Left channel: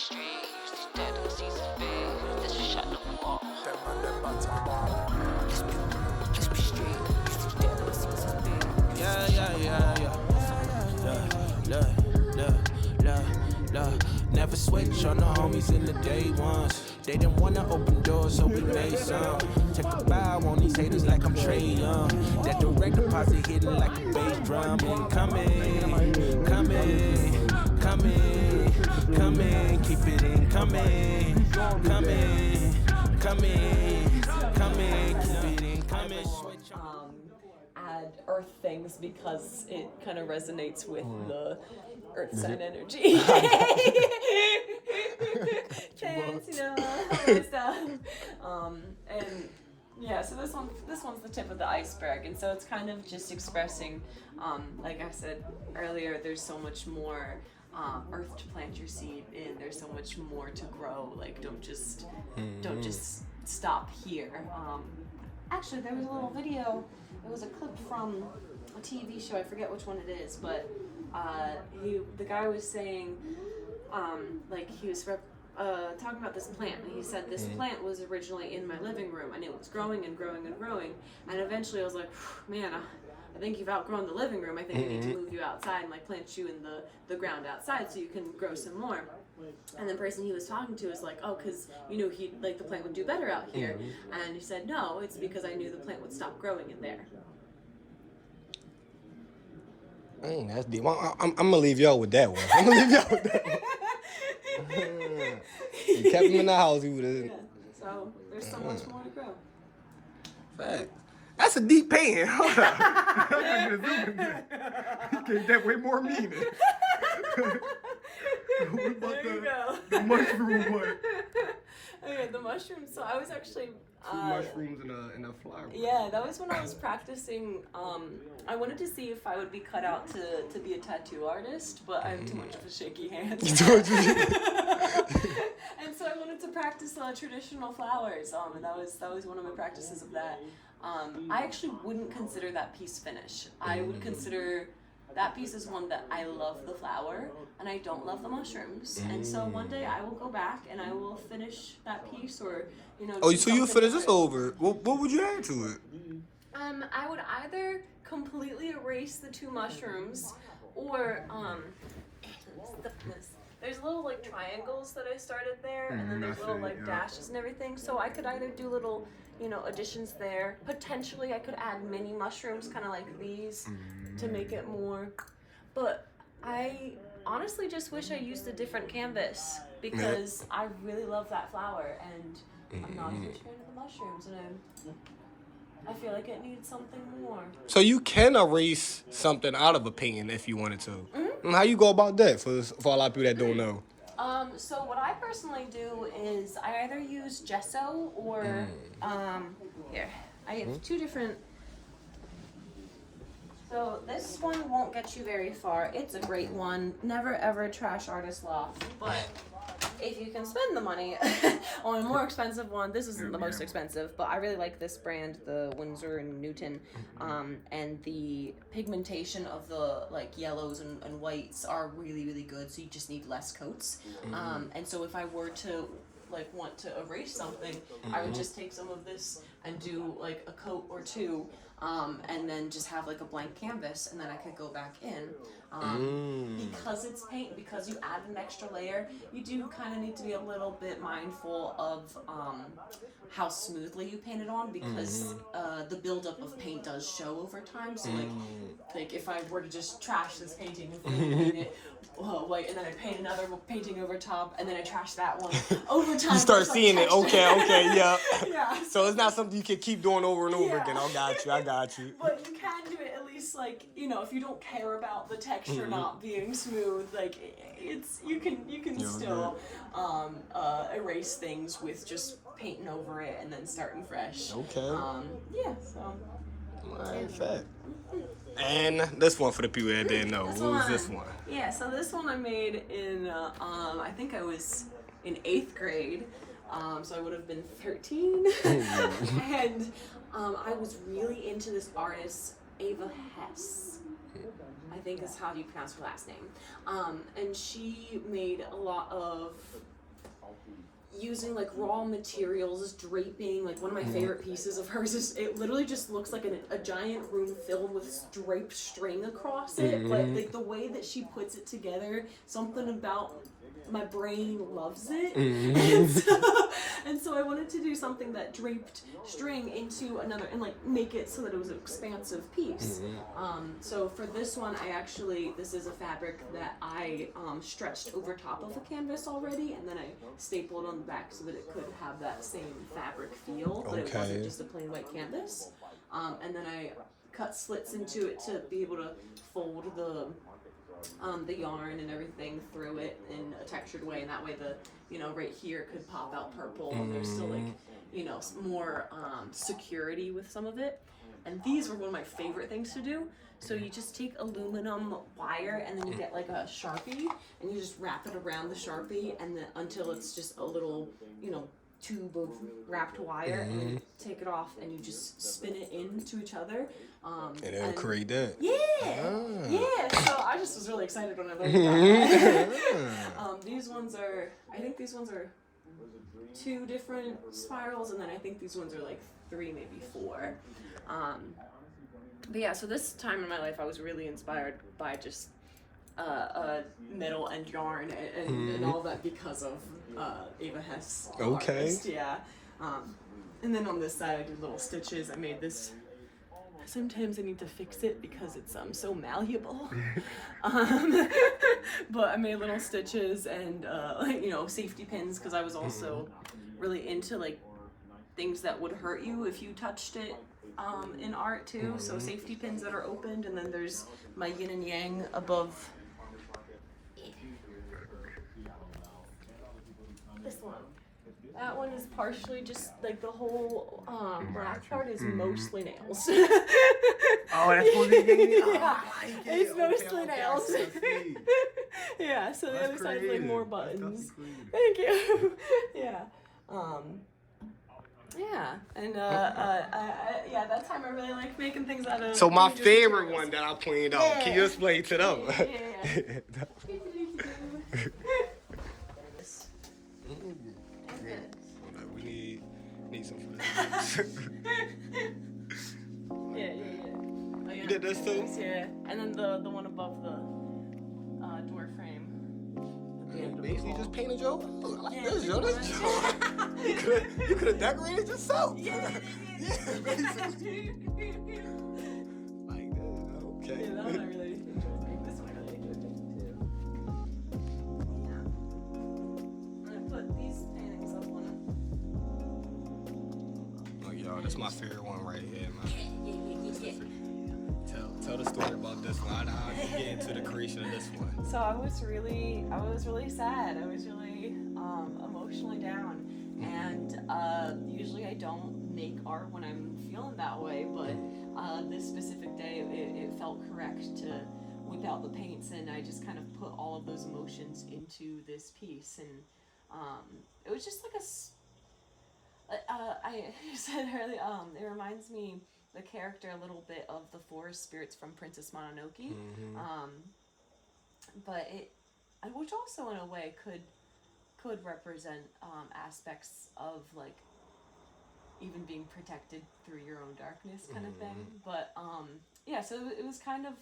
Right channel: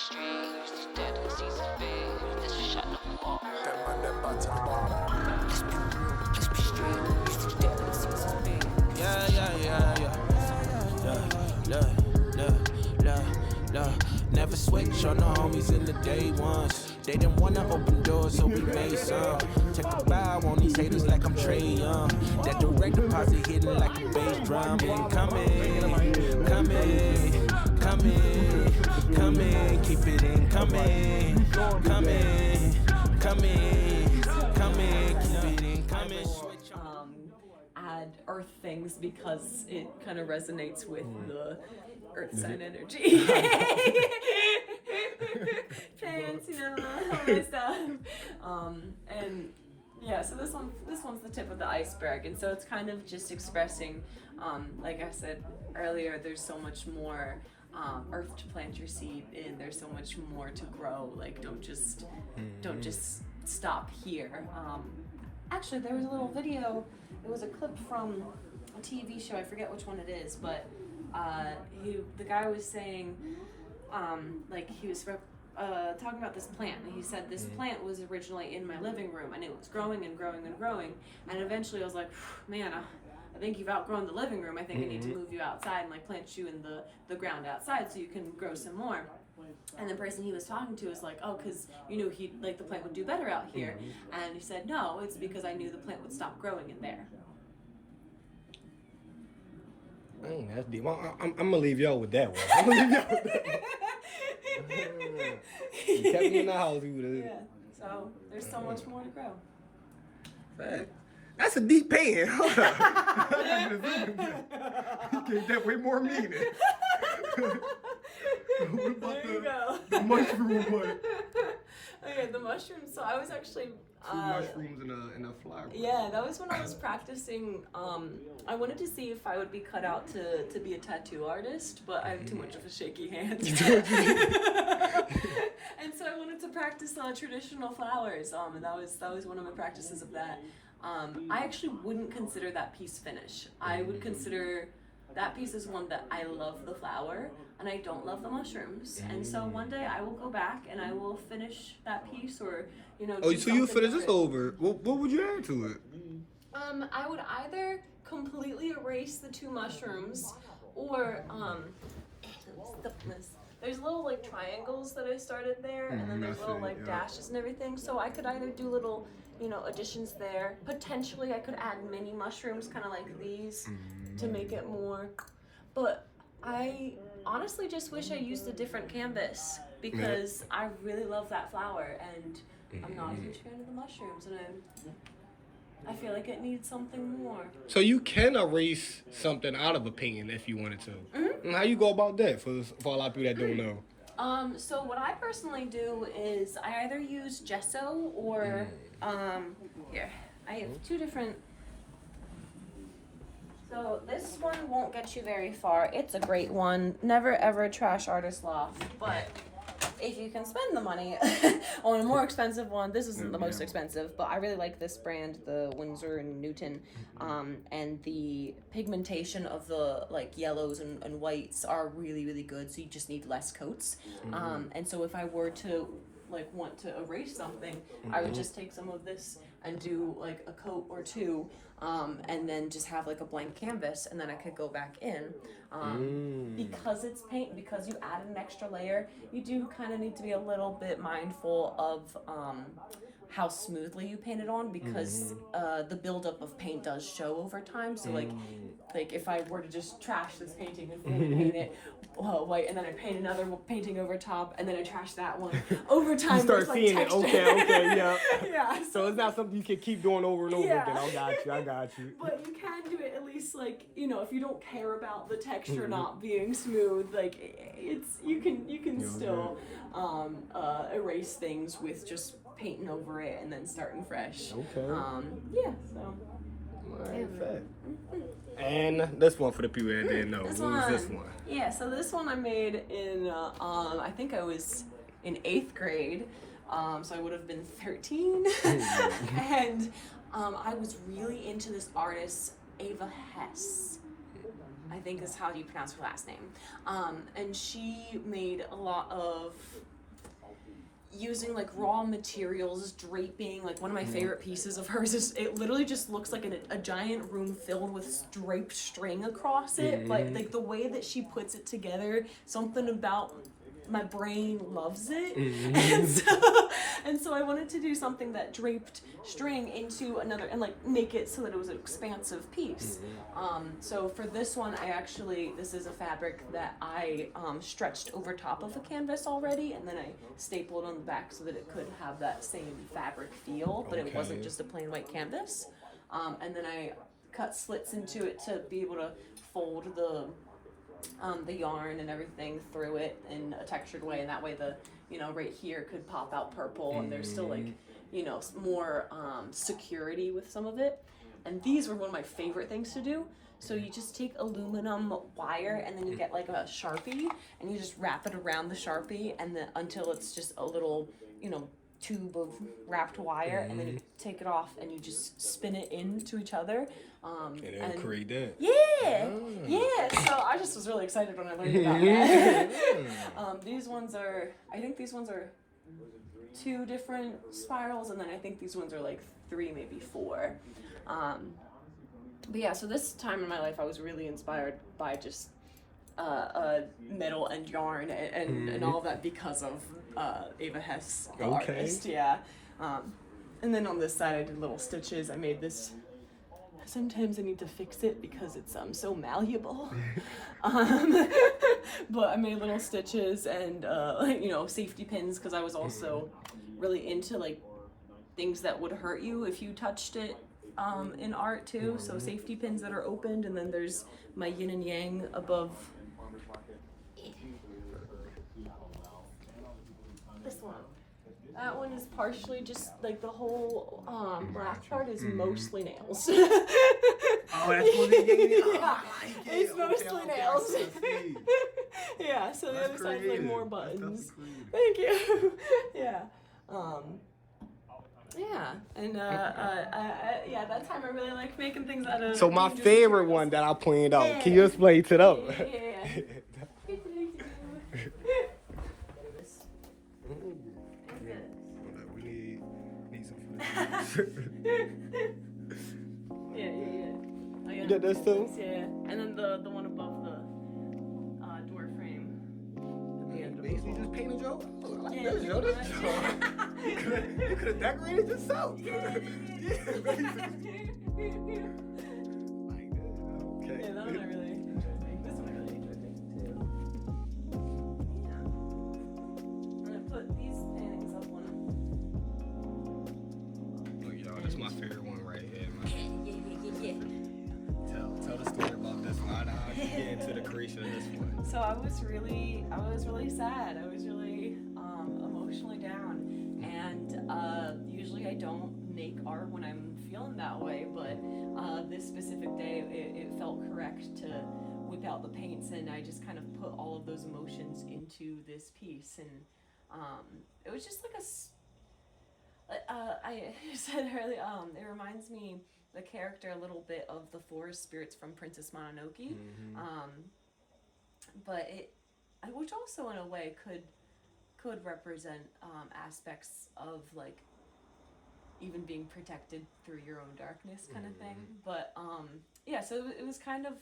street, used to dead and seasons big. This is shot in the wall. Let's be street, used to dead and seasons big. Never switch on the homies in the day ones. They didn't wanna open doors, so we made some. Take a bow on these haters like I'm Trey Young. That direct deposit hitting like a bass drum. Incoming, coming, coming, coming. Keep it incoming, coming, coming, coming. Keep it incoming. Switch on. Add earth things because it kind of resonates with the earth sign energy. Chance, you know, all this stuff. And yeah, so this one's the tip of the iceberg, and so it's kind of just expressing, like I said earlier, there's so much more earth to plant your seed in. There's so much more to grow. Like don't just stop here. Actually, there was a little video. It was a clip from a TV show. I forget which one it is, but the guy was saying, like he was talking about this plant, and he said this plant was originally in my living room, and it was growing and growing and growing, and eventually I was like, man, I think you've outgrown the living room. I think I need to move you outside and like plant you in the ground outside so you can grow some more. And the person he was talking to was like, oh, because you knew the plant would do better out here. And he said, no, it's because I knew the plant would stop growing in there. Dang, that's deep. I'm gonna leave y'all with that one. I'm gonna leave y'all with that one. You kept him in the house. He would've. Yeah. So there's so much more to grow. Fact. That's a deep pan. Hold up. You gave that way more meaning. There you go. The mushroom one. Okay, the mushrooms. So I was actually Two mushrooms and a flower. Yeah, that was when I was practicing. I wanted to see if I would be cut out to be a tattoo artist, but I have too much of a shaky hand. And so I wanted to practice traditional flowers. And that was one of my practices of that. I actually wouldn't consider that piece finished. I would consider that piece is one that I love the flower and I don't love the mushrooms. And so one day I will go back and I will finish that piece, or Oh, so you finish this over? What would you add to it? I would either completely erase the two mushrooms, or there's little like triangles that I started there, and then there's little like dashes and everything. So I could either do little additions there. Potentially I could add mini mushrooms, kind of like these, to make it more. But I honestly just wish I used a different canvas, because I really love that flower, and I'm not a huge fan of the mushrooms, and I feel like it needs something more. So you can erase something out of a painting if you wanted to. How you go about that for a lot of people that don't know? So what I personally do is I either use gesso or here I have two different. So this one won't get you very far. It's a great one. Never ever trash Artist Loft, but if you can spend the money on a more expensive one, this isn't the most expensive, but I really like this brand, the Winsor and Newton, and the pigmentation of the like yellows and whites are really, really good, so you just need less coats. And so if I were to want to erase something, I would just take some of this and do like a coat or two, and then just have like a blank canvas, and then I could go back in. Because it's paint, because you add an extra layer, you do kind of need to be a little bit mindful of how smoothly you paint it on, because the buildup of paint does show over time. So like if I were to just trash this painting and paint it white, and then I paint another painting over top, and then I trash that one over time. You start seeing it. Okay, yeah. Yeah. So it's not something you can keep doing over and over again. I got you. But you can do it at least, like, if you don't care about the texture not being smooth, like you can still erase things with just painting over it and then starting fresh. Okay. Yeah. So. Alright, fact. And this one for the people that didn't know. What was this one? Yeah, so this one I made in, I think I was in 8th grade. So I would have been 13. And I was really into this artist, Ava Hess. I think is how you pronounce her last name. And she made a lot of using like raw materials, draping. Like one of my favorite pieces of hers is it literally just looks like a giant room filled with draped string across it. But like the way that she puts it together, something about my brain loves it. And so I wanted to do something that draped string into another and like make it so that it was an expansive piece. So for this one, this is a fabric that I stretched over top of a canvas already, and then I stapled on the back so that it could have that same fabric feel, but it wasn't just a plain white canvas. And then I cut slits into it to be able to fold the yarn and everything through it in a textured way, and that way the right here could pop out purple, and there's still like more security with some of it. And these were one of my favorite things to do. So you just take aluminum wire, and then you get like a Sharpie, and you just wrap it around the Sharpie, and then until it's just a little tube of wrapped wire, and then you take it off and you just spin it into each other. And then create that. Yeah. So I just was really excited when I learned about that. These ones are 2 different spirals, and then I think these ones are like 3, maybe 4. But yeah, so this time in my life I was really inspired by just metal and yarn and all of that because of Ava Hess, the artist. Yeah. And then on this side I did little stitches. I made this. Sometimes I need to fix it because it's so malleable. But I made little stitches and safety pins, because I was also really into like things that would hurt you if you touched it in art too. So safety pins that are opened, and then there's my yin and yang above. This one. That one is partially just like the whole black part is mostly nails. Oh, that's one they gave me? Yeah, it's mostly nails. Yeah, so the other side is like more buttons. Thank you. Yeah. Yeah, and yeah, that time I really like making things out of. So my favorite one that I pointed out. Can you explain to them? Yeah. We need some for this. Yeah. You did this too? Yeah, and then the one above the door frame. Basically just painted your. I like this, yo. This you could have decorated yourself. Yeah. Basically. Okay. Yeah, that one I really enjoyed making. This one I really enjoyed making too. Yeah. I'm gonna put these paintings up on Look, y'all, that's my favorite one right here, man. Yeah. Tell the story about this one. How did you get into the creation of this one? So I was really sad. I was really emotionally down, and usually I don't make art when I'm feeling that way, but this specific day it felt correct to whip out the paints, and I just kind of put all of those emotions into this piece, and it was just like I said earlier, it reminds me the character a little bit of the forest spirits from Princess Mononoke. But which also in a way could represent aspects of like even being protected through your own darkness kind of thing. But yeah, so it was kind of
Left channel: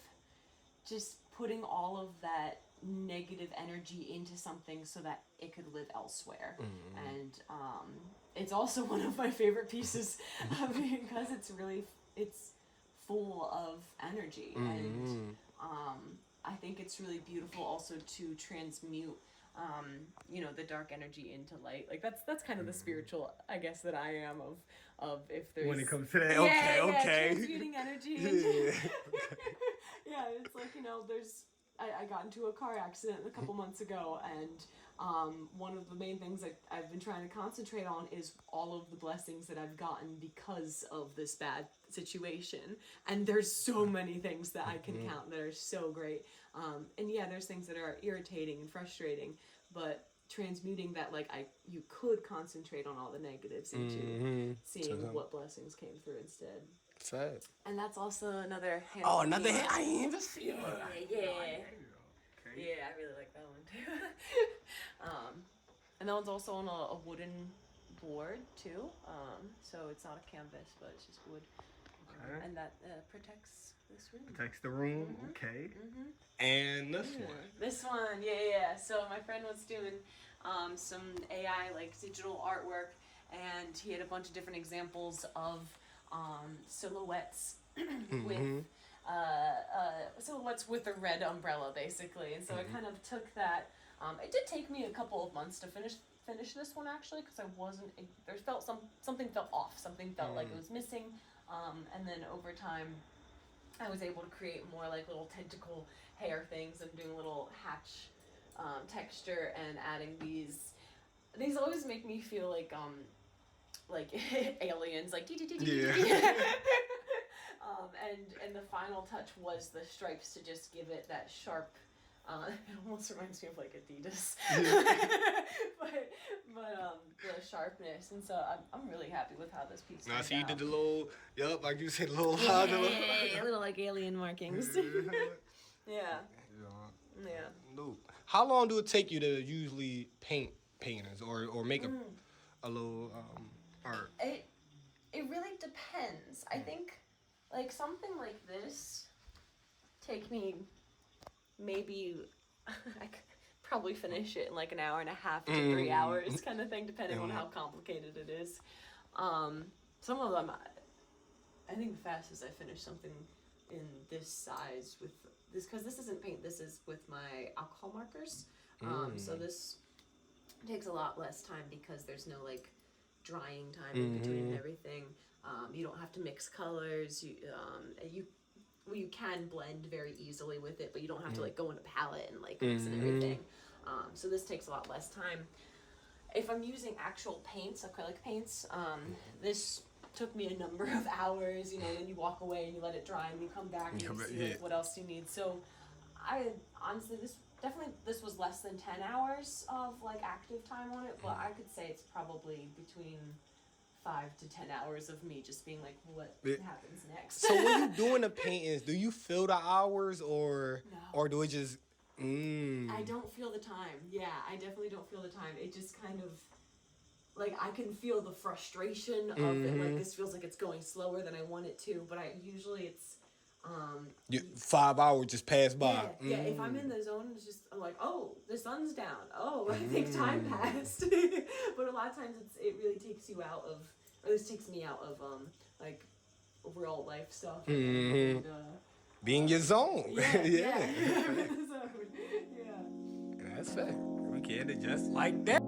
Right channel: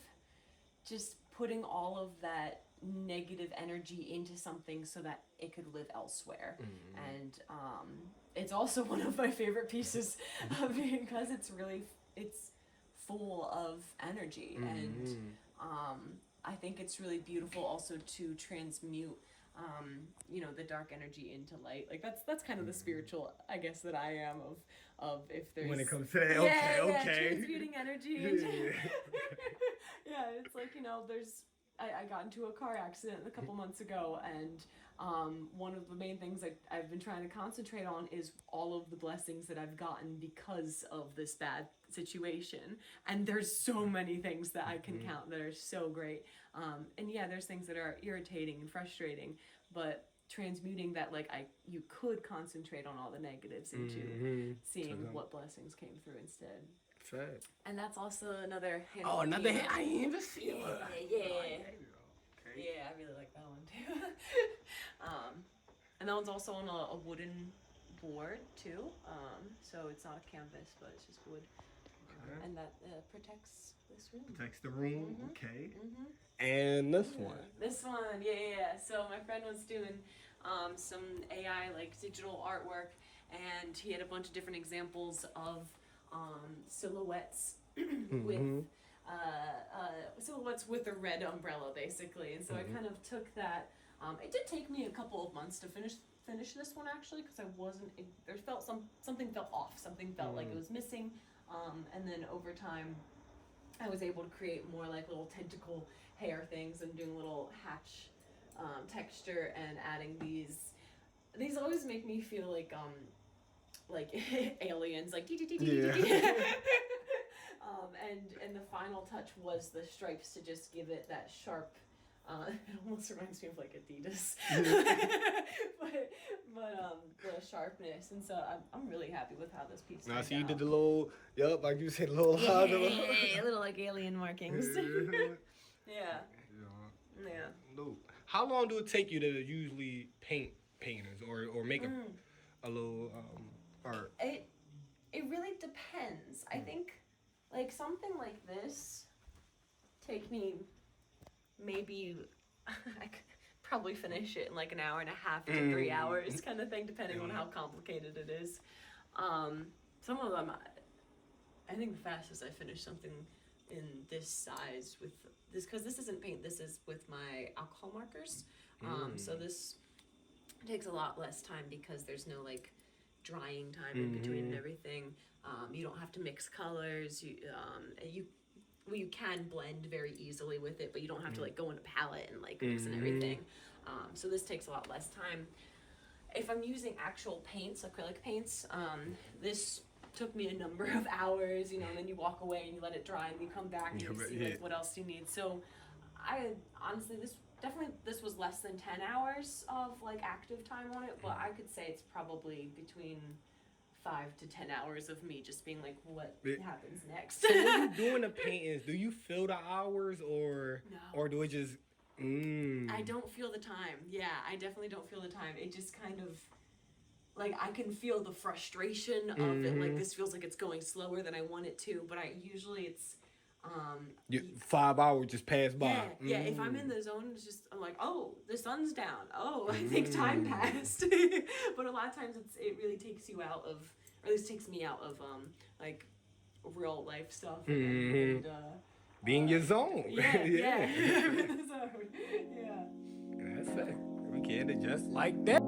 just putting all of that negative energy into something so that it could live elsewhere. And it's also one of my favorite pieces because it's full of energy. And I think it's really beautiful also to transmute the dark energy into light. Like that's kind of the spiritual, I guess, that I am of if there's When it comes to that, okay. transmuting energy into yeah, it's like, I got into a car accident a couple months ago, and one of the main things I've been trying to concentrate on is all of the blessings that I've gotten because of this bad situation. And there's so many things that I can count that are so great. And yeah, there's things that are irritating and frustrating, but transmuting that, like, you could concentrate on all the negatives into seeing what blessings came through instead. Sad. And that's also another hand. Oh, another painting. hand. I didn't even see it. Yeah. Yeah, I really like that one too. And that one's also on a wooden board too. So it's not a canvas, but it's just wood. Okay. And that protects this room. Protects the room. Okay. And this one. This one, yeah. So my friend was doing some AI, like digital artwork, and he had a bunch of different examples of silhouettes with silhouettes with a red umbrella, basically. And so I kind of took that. It did take me a couple of months to finish this one, actually, because I wasn't. There felt something felt off. Something felt like it was missing. And then over time, I was able to create more like little tentacle hair things and doing a little hatch texture and adding these. These always make me feel like aliens, like Yeah. And the final touch was the stripes to just give it that sharp. It almost reminds me of like Adidas, but the sharpness, and so I'm really happy with how this piece. I see you did the little, like you said, little little like alien markings. Yeah. No. How long do it take you to usually paint paintings or make a little art? It really depends. I think like something like this take me maybe I could probably finish it in like an hour and a half to 3 hours kind of thing, depending on how complicated it is. Some of them, I think the fastest I finished something in this size with this, because this isn't paint, this is with my alcohol markers. So this takes a lot less time because there's no like drying time in between and everything. You don't have to mix colors. You can blend very easily with it, but you don't have to like go in a palette and like mix and everything. So this takes a lot less time. If I'm using actual paints, acrylic paints, this took me a number of hours, and then you walk away and you let it dry and you come back and you see like what else you need. So I honestly, this was less than 10 hours of like active time on it, but I could say it's probably between 5 to 10 hours of me just being like, what happens next? So when you're doing the paintings, do you feel the hours or do it just I don't feel the time. Yeah, I definitely don't feel the time. It just kind of like I can feel the frustration of it. Like this feels like it's going slower than I want it to, but it's 5 hours just passed by. Yeah, if I'm in the zone, it's just I'm like, oh, the sun's down. Oh, I think time passed. But a lot of times it really takes you out of, or at least takes me out of like real life stuff. And, be in your zone. Yeah. That's it. We can it just like that.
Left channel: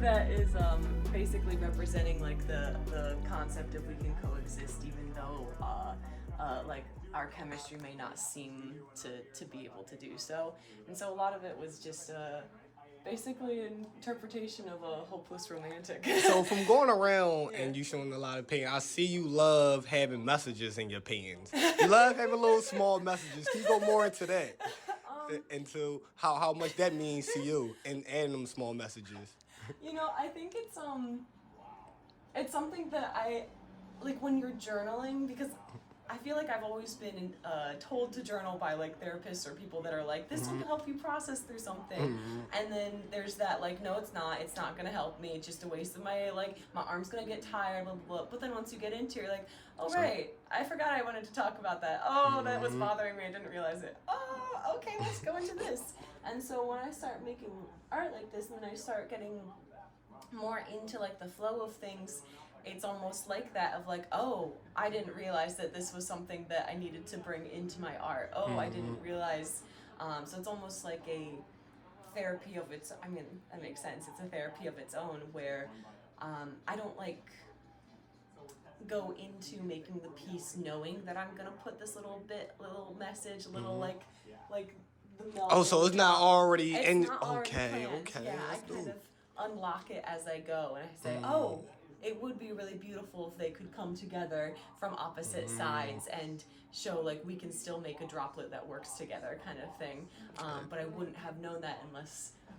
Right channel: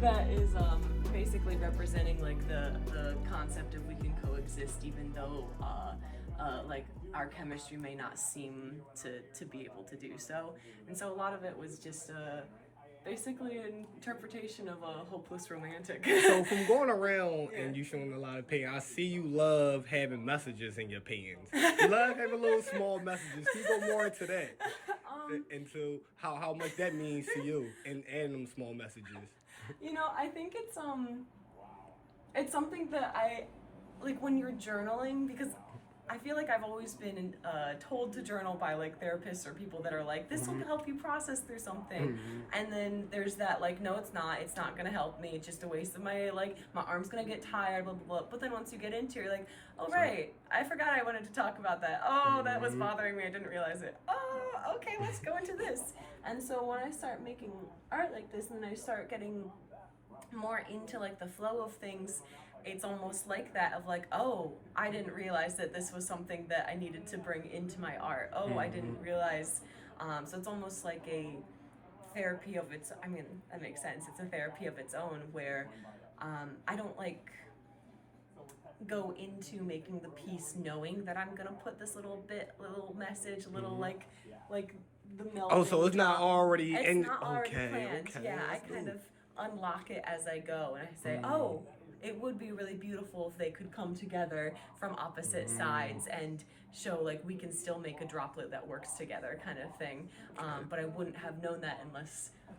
That is basically representing like the concept of we can coexist even though like our chemistry may not seem to be able to do so. And so a lot of it was just basically an interpretation of a hopeless romantic. So from going around and you showing a lot of paint, I see you love having messages in your paintings. You love having little small messages. Can you go more into that? Into how much that means to you and adding them small messages. I think it's It's something that I like when you're journaling, because I feel like I've always been told to journal by like therapists or people that are like, this will help you process through something. And then there's that like, no, it's not gonna help me. It's just a waste of my arm's gonna get tired, blah, blah, blah. But then once you get into it, you're like, oh, right, I forgot I wanted to talk about that. Oh, that was bothering me. I didn't realize it. Oh, okay, let's go into this. And so when I start making art like this, and then I start getting more into like the flow of things, it's almost like that of like, oh, I didn't realize that this was something that I needed to bring into my art. Oh, I didn't realize. So it's almost like a therapy of its, I mean, that makes sense. It's a therapy of its own where I don't like go into making the piece knowing that I'm gonna put this little message, like the milk. Oh, so it's not already It's in. not already Okay, planned. okay. Yeah, I that's kind dope. of unlock it as I go, and I say, oh, it would be really beautiful if they could come together from opposite sides and show like we can still make a droplet that works together, kind of thing. But I wouldn't have known that until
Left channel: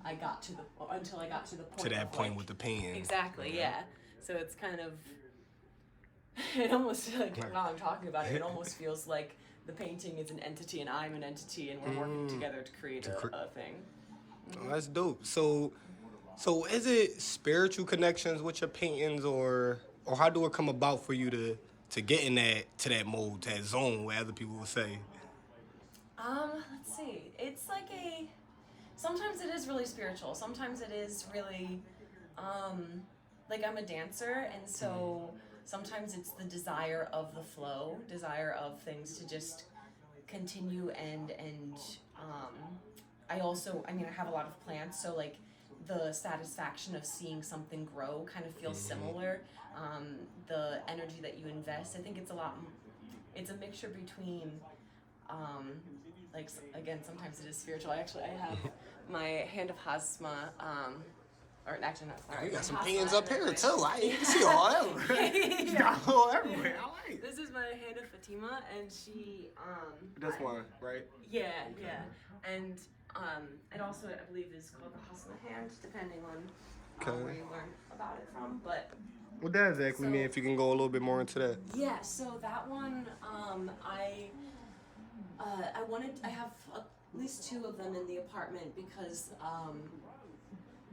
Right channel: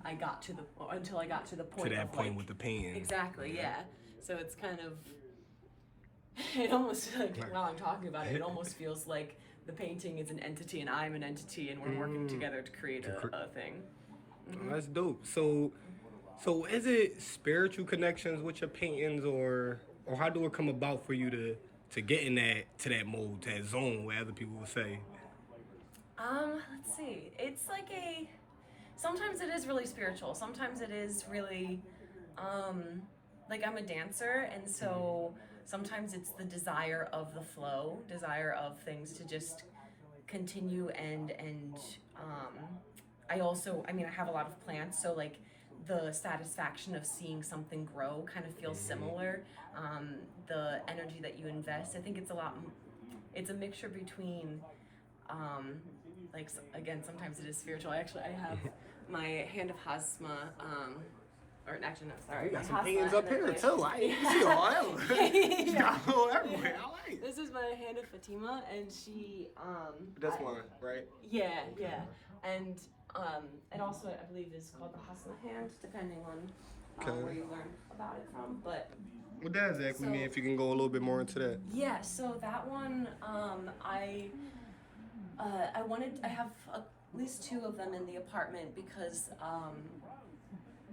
I got to the point. To that of, point like, with the pen. Exactly, yeah. So it's kind of, it almost, like, while I'm talking about it, it almost feels like the painting is an entity and I'm an entity and we're working together to create a thing. Oh, that's dope. So is it spiritual connections with your paintings, or how do it come about for you to get in that mode, that zone, where other people would say? Let's see. It's like sometimes it is really spiritual. Sometimes it is really, like I'm a dancer, and so sometimes it's the desire of the flow, desire of things to just continue and I have a lot of plants, so like the satisfaction of seeing something grow kind of feels similar. The energy that you invest, I think it's a mixture between, again, sometimes it is spiritual. I have my Hand of Hasma, or actually not, sorry. You got some Hasma pens up here anyway. too. I ain't see all that. You got all everywhere. I like it. This is my Hand of Fatima, and she, That's one, right? Yeah, and it also, I believe, is called the Hasma hand, depending on where you learn about it from. But What does that exactly So- mean? If you can go a little bit more into that. yeah, so that one, I have at least 2 of them in the apartment because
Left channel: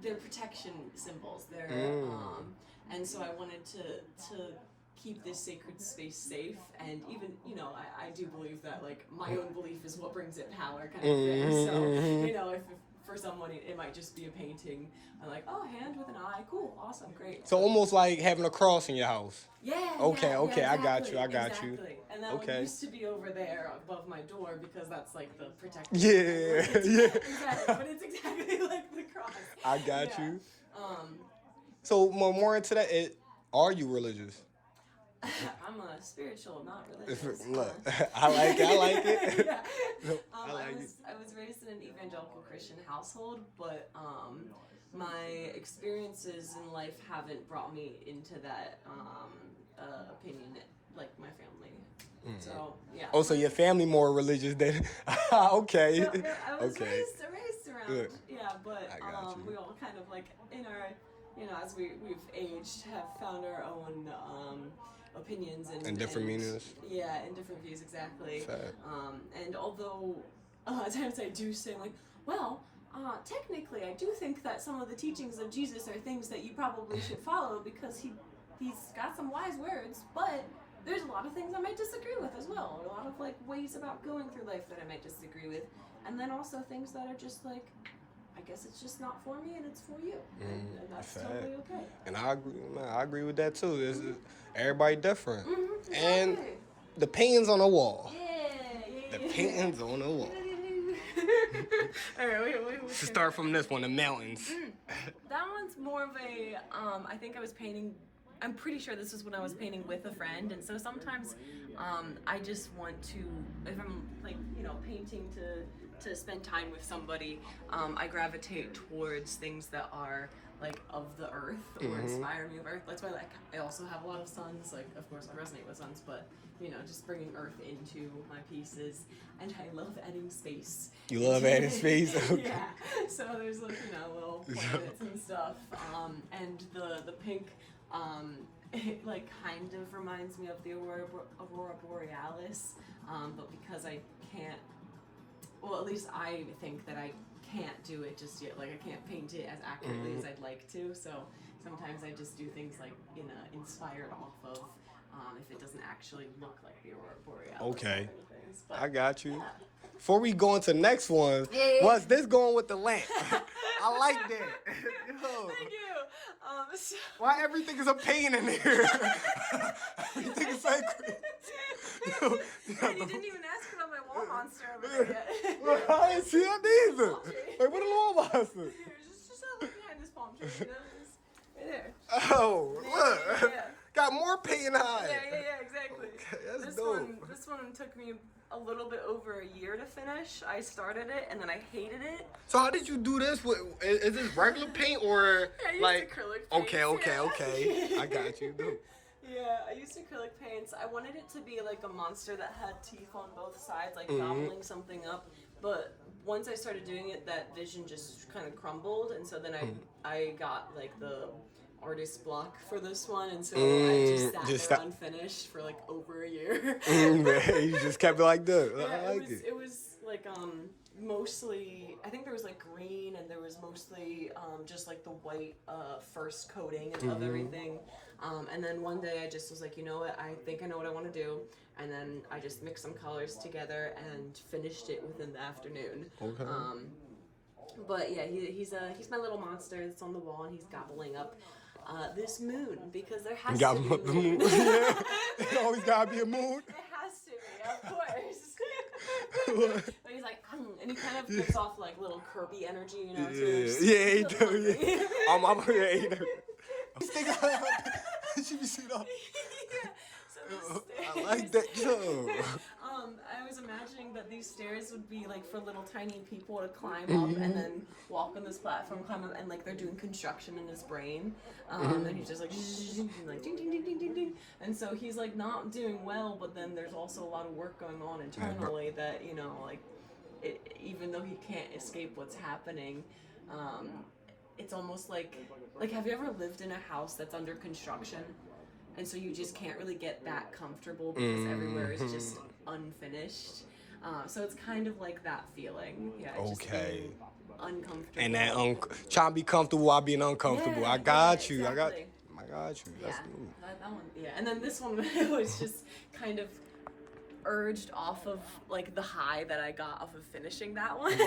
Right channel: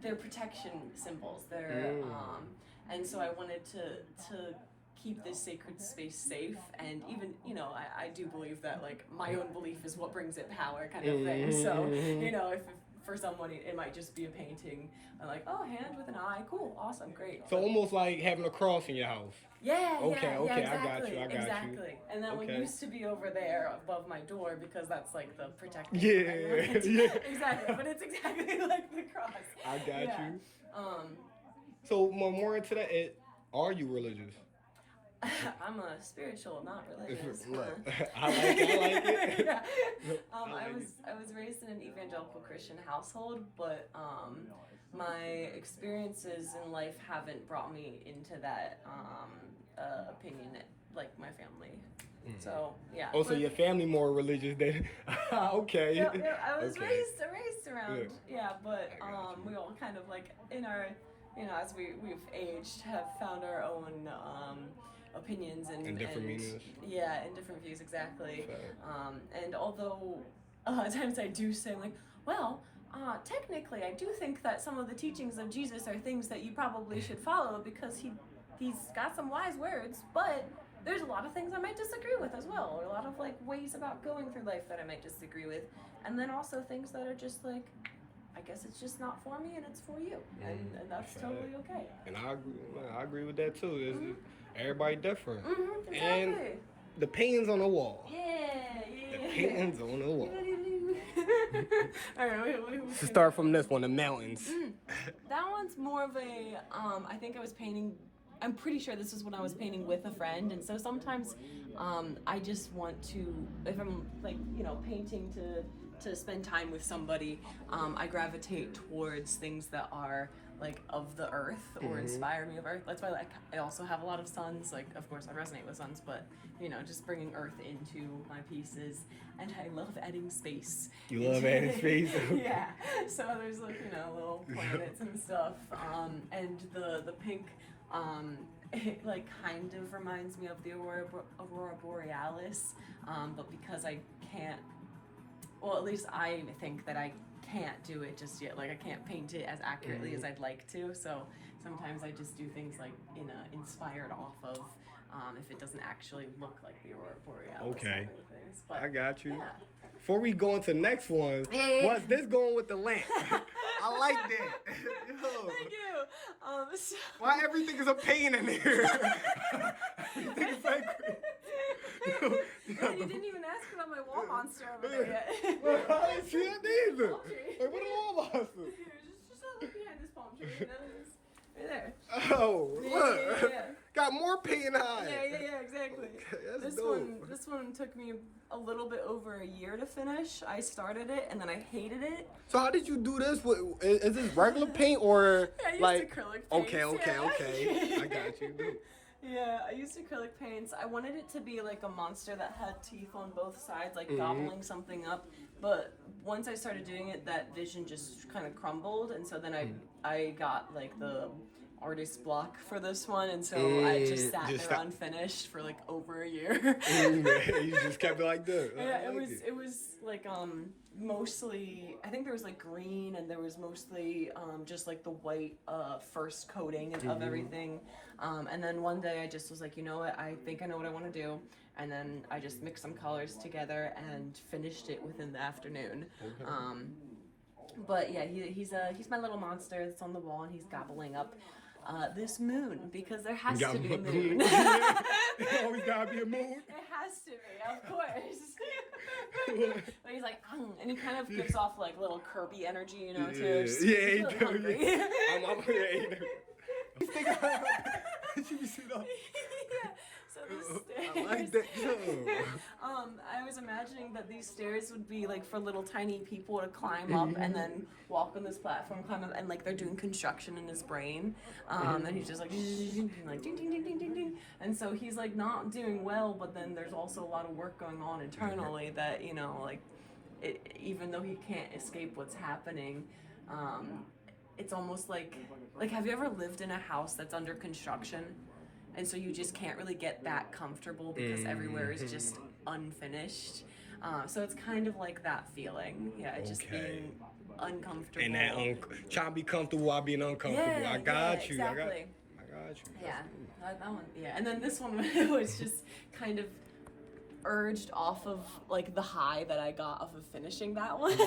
they're protection symbols. And so I wanted to keep this sacred space safe, and even, I do believe that like my own belief is what brings it power, kind of thing. So, if for someone it might just be a painting, I'm like, oh, hand with an eye, cool, awesome, great. So almost like having a cross in your house. Yeah. Okay, yeah, okay, I got exactly, you, I got you. exactly. And that one Okay. used to be over there above my door because that's like the protective. Yeah, yeah. Exactly, but it's exactly like the cross. I got Yeah. you. So more into that, are you religious? I'm a spiritual, not religious. Look, I like it. Yeah. I like I was raised in an evangelical Christian household, but my experiences in life haven't brought me into that opinion like my family. So yeah. Oh, so your family more religious than? Okay. Yeah, I was Okay. raised around. Yeah, but I got you. we all kind of like in our, as we've aged, have found our own opinions and different meanings. Yeah, and different views, exactly. Fair. And although at times I do say like, well, technically I do think that some of the teachings of Jesus are things that you probably should follow because he's got some wise words, but there's a lot of things I might disagree with as well, or a lot of like ways about going through life that I might disagree with, and then also things that are just like, I guess it's just not for me and it's for you, and that's fair. totally okay. And I agree with that too. Everybody different. Exactly. And the paintings on the wall. Yeah. The paintings on the wall. Alright, wait. To start from this one, the mountains. That one's more of a, I think I was painting, I'm pretty sure this is when I was painting with a friend, and so sometimes I just want to, if I'm like, painting to spend time with somebody, I gravitate towards things that are like of the earth or inspire me of earth. That's why like I also have a lot of suns, like of course I resonate with suns, but just bringing earth into my pieces, and I love adding space. You love adding space? Okay. Yeah, so there's like little planets and stuff, and the pink it like kind of reminds me of the Aurora Borealis, but because I can't, well, at least I think that I can't do it just yet. Like I can't paint it as accurately as I'd like to. So sometimes I just do things like inspired off of, if it doesn't actually look like the Aurora Borealis. Okay. But, I got you. yeah. Before we go into the next one, Yeah. what's this going with the lamp? I like that. Yo, Thank you. So- why everything is a pain in here? Everything is like Yeah, you didn't even ask it on my wall monster over there yet. Well, I ain't see that neither. Like, what a little monster? Just look behind this palm tree, you know? Just right there. Oh, look. Yeah. Got more pain high. Yeah, exactly. Okay, that's this dope. This one took me a little bit over a year to finish. I started it and then I hated it. So how did you do this? Is this regular paint or I used like? acrylic Okay. paints, yeah. I got you. Dude. Yeah, I used acrylic paints. I wanted it to be like a monster that had teeth on both sides, like gobbling something up. But once I started doing it, that vision just kind of crumbled, and so then I got like the artist block for this one, and so I just sat there unfinished for like over a year. You just kept it like that. Yeah, I like it. it was like mostly, I think there was like green, and there was mostly just like the white first coating of everything. And then one day I just was like, you know what, I think I know what I want to do. And then I just mixed some colors together and finished it within the afternoon. Okay. But yeah, he's my little monster that's on the wall, and he's gobbling up this moon, because there has to be a moon. It always gotta be a moon. It has to be, of course. But he's like, and he kind of gives off like little Kirby energy, you know, too. Yeah, he does. Yeah. He does. She be sitting up. Yeah. So the I like that too. I was imagining that these stairs would be like for little tiny people to climb up and then walk on this platform, climb up, and like they're doing construction in his brain. And he's just like, like ding, ding, ding, ding, ding, ding. And so he's like not doing well, but then there's also a lot of work going on internally that, you know, like even though he can't escape what's happening, it's almost like have you ever lived in a house that's under construction? And so you just can't really get that comfortable because everywhere is just unfinished. So it's kind of like that feeling. Yeah, just being uncomfortable. And that trying to be comfortable while being uncomfortable. Yeah, I got yeah, you. exactly. I got you. Yeah, that one. Yeah, and then this one was just kind of urged off of like the high that I got off of finishing that one. So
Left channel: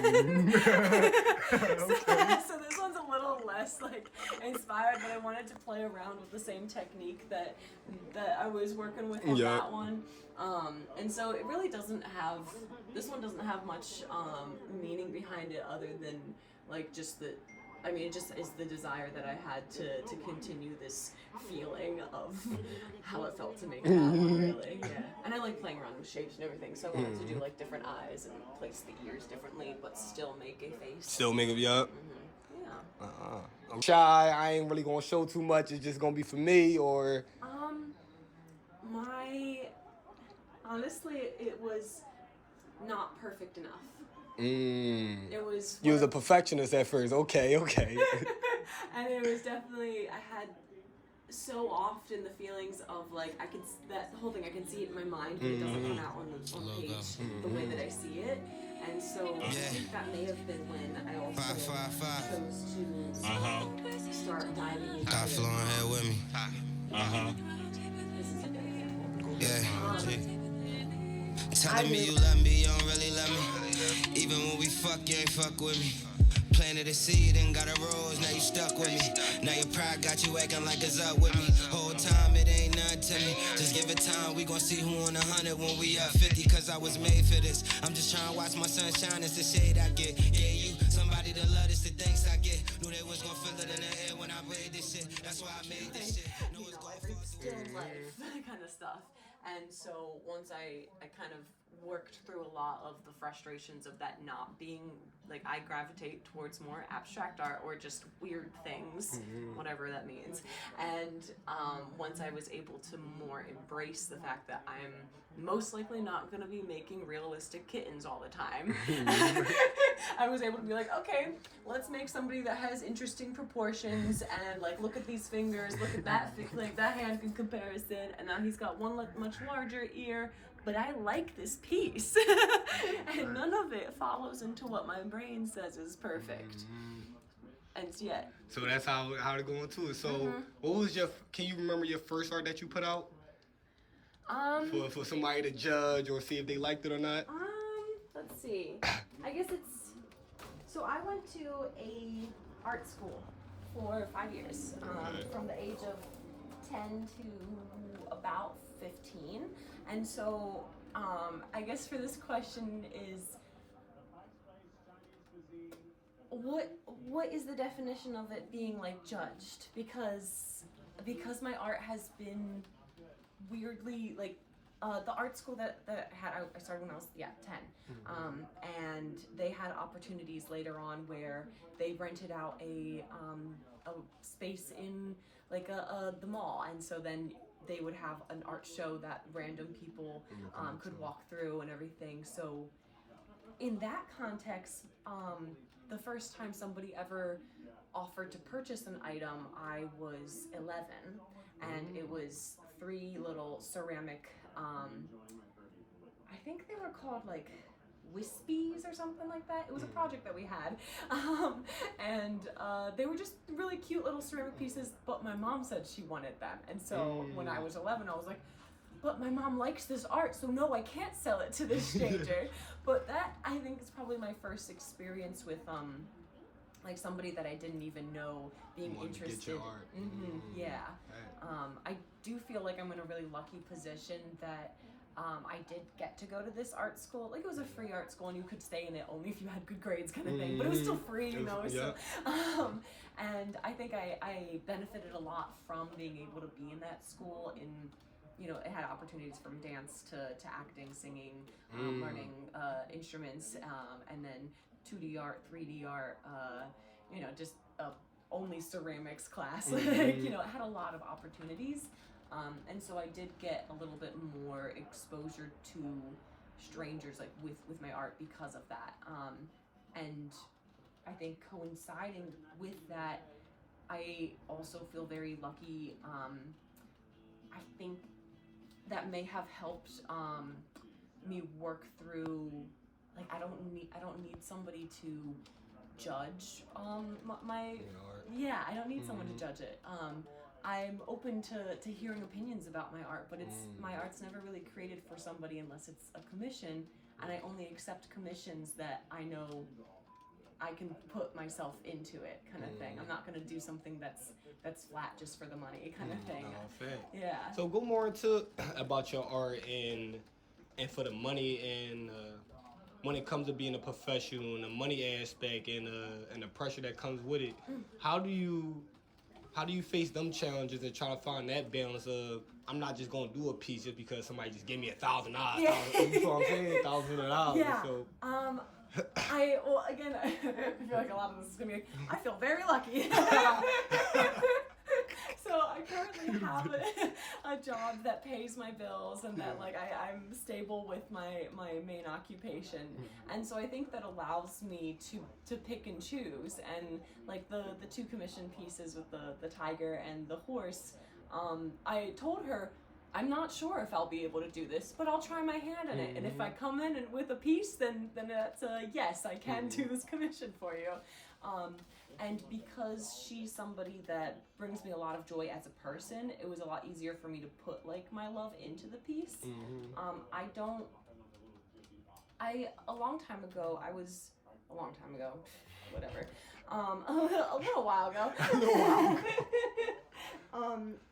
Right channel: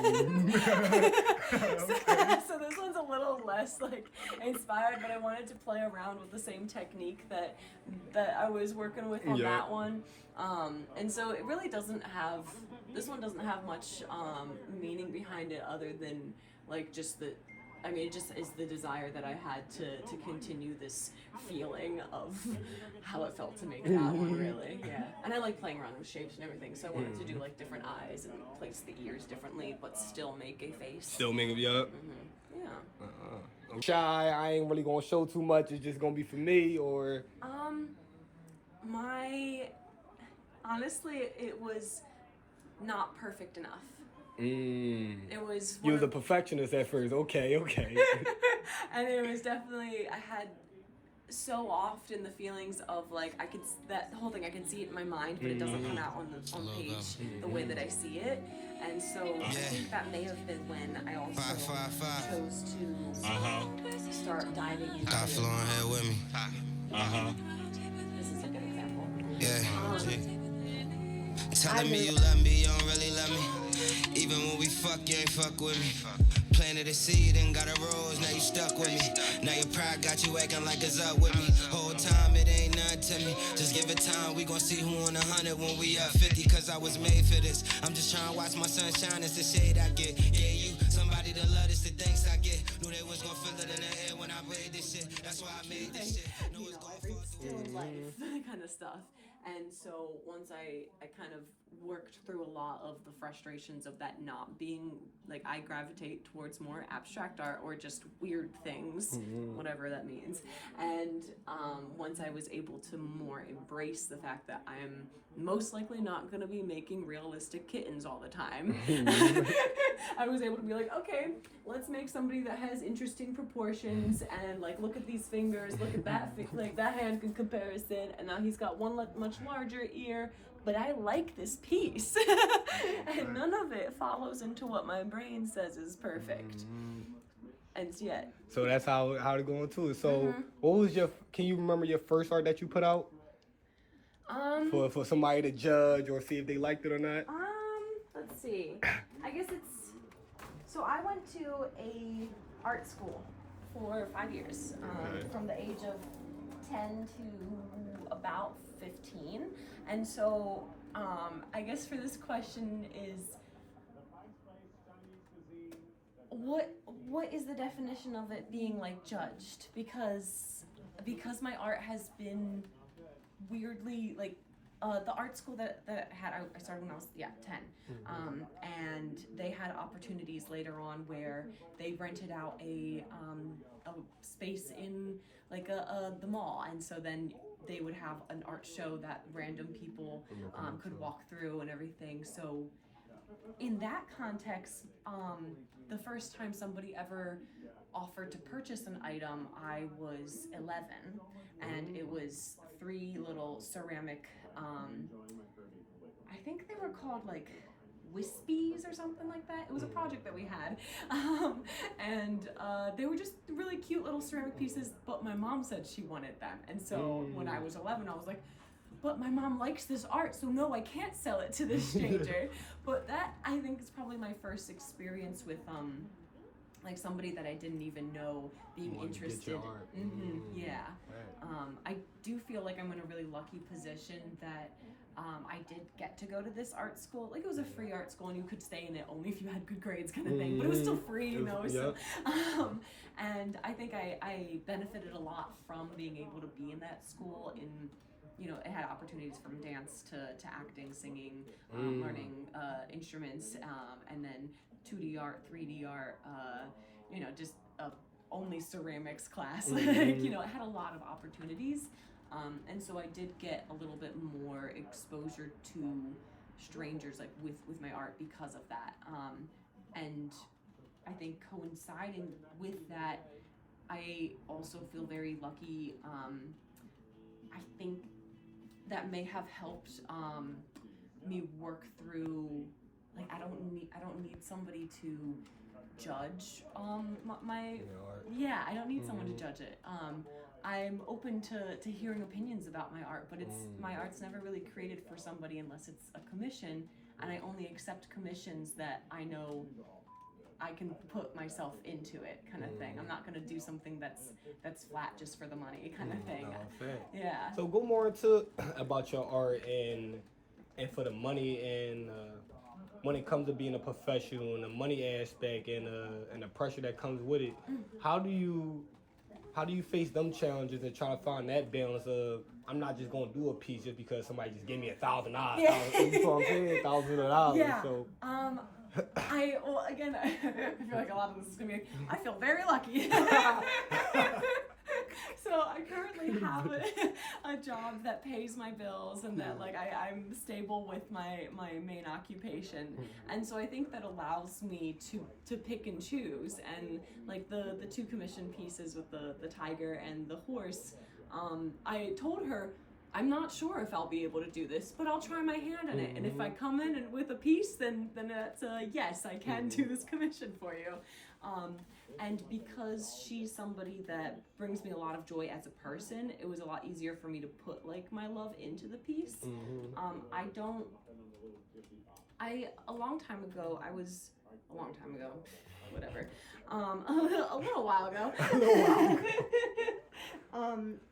this one's a little less like inspired, but I wanted to play around with the same technique that I was working with on that one. And so it really doesn't have, this one doesn't have much meaning behind it other than like just the, I mean, it just is the desire that I had to continue this feeling of how it felt to make that one, really. Yeah. And I like playing around with shapes and everything, so I wanted to do like different eyes and place the ears differently, but still make a face. Still making it up. Yeah. I'm shy. I ain't really gonna show too much. It's just gonna be for me, or. Honestly, it was not perfect enough. It was. You was a perfectionist at first. Okay. And it was definitely, I had so often the feelings of like, that whole thing, I can see it in my mind, but it doesn't come out on page the way that I see it. And so I think that may have been when I also chose to start diving into Got flowing here with me. Yeah. Telling me you love me, you don't really love me. Even when we fuck, you ain't fuck with me. Planted a seed and got a rose, now you stuck with me. Now your pride got you acting like it's up with me. Whole time it ain't nothing to me. Just give it time, we gon' see who on 100 when we up 50. Cause I was made for this. I'm just trying to watch my sunshine, it's the shade I get. Yeah, you somebody to love this, the thanks I get. Knew they was gon' feel it in the air when I made this shit. That's why I made this shit. Know it's gon' fall through. Still in life, that kind of stuff. And so once I kind of worked through a lot of the frustrations of that not being, like, I gravitate towards more abstract art or just weird things, whatever that means. And once I was able to more embrace the fact that I'm most likely not going to be making realistic kittens all the time, I was able to be like, okay, let's make somebody that has interesting proportions, and like, look at these fingers, look at that, like that hand in comparison, and now he's got one much larger ear, but I like this piece. And none of it follows into what my brain says is perfect. And yet. So that's how to go into it. So what was can you remember your first art that you put out? For somebody to judge or see if they liked it or not? Let's see. I guess so I went to a art school for 5 years, from the age of 10 to about 15. And so I guess for this question is, what is the definition of it being like judged? Because my art has been weirdly, like, the art school that I started when I was 10, and they had opportunities later on where they rented out a space in like the mall, and so then they would have an art show that random people could walk through and everything. So in that context, the first time somebody ever offered to purchase an item, I was 11, and it was 3 little ceramic, I think they were called like wispies or something like that. It was a project that we had, and they were just really cute little ceramic pieces, but my mom said she wanted them, and so when I was 11, I was like, but my mom likes this art, so no, I can't sell it to this stranger. But that, I think, is probably my first experience with like somebody that I didn't even know being interested. Get your art. Yeah. Right. I do feel like I'm in a really lucky position that I did get to go to this art school. Like, it was a free art school, and you could stay in it only if you had good grades, kind of thing. But it was still free, you know. So, and I think I benefited a lot from being able to be in that school. It had opportunities from dance to acting, singing, learning instruments, and then 2D art, 3D art, just only ceramics class. It had a lot of opportunities. And so I did get a little bit more exposure to strangers, like with my art, because of that. And I think coinciding with that, I also feel very lucky. I think that may have helped me work through, like, I don't need somebody to judge my art. Yeah, I don't need someone to judge it. I'm open to hearing opinions about my art, but my art's never really created for somebody unless it's a commission, and I only accept commissions that I know I can put myself into it, kind of thing. I'm not gonna do something that's flat just for the money, kind of thing. No, fair. Yeah. So go more into about your art and for the money, and when it comes to being a professional and the money aspect and the pressure that comes with it. How do you face them challenges and try to find that balance of, I'm not just gonna do a piece just because somebody just gave me $1,000. Yeah. You know what I'm saying? $1,000. Yeah. So Again, I feel like a lot of this is gonna be like, I feel very lucky. So I currently have a job that pays my bills, and that, like, I'm stable with my main occupation, and so I think that allows me to pick and choose. And like the 2 commission pieces with the tiger and the horse, I told her, I'm not sure if I'll be able to do this, but I'll try my hand on it. And if I come in and with a piece, then that's a yes, I can do this commission for you. And because she's somebody that brings me a lot of joy as a person, it was a lot easier for me to put, like, my love into the piece. A long time ago, whatever, a little while ago,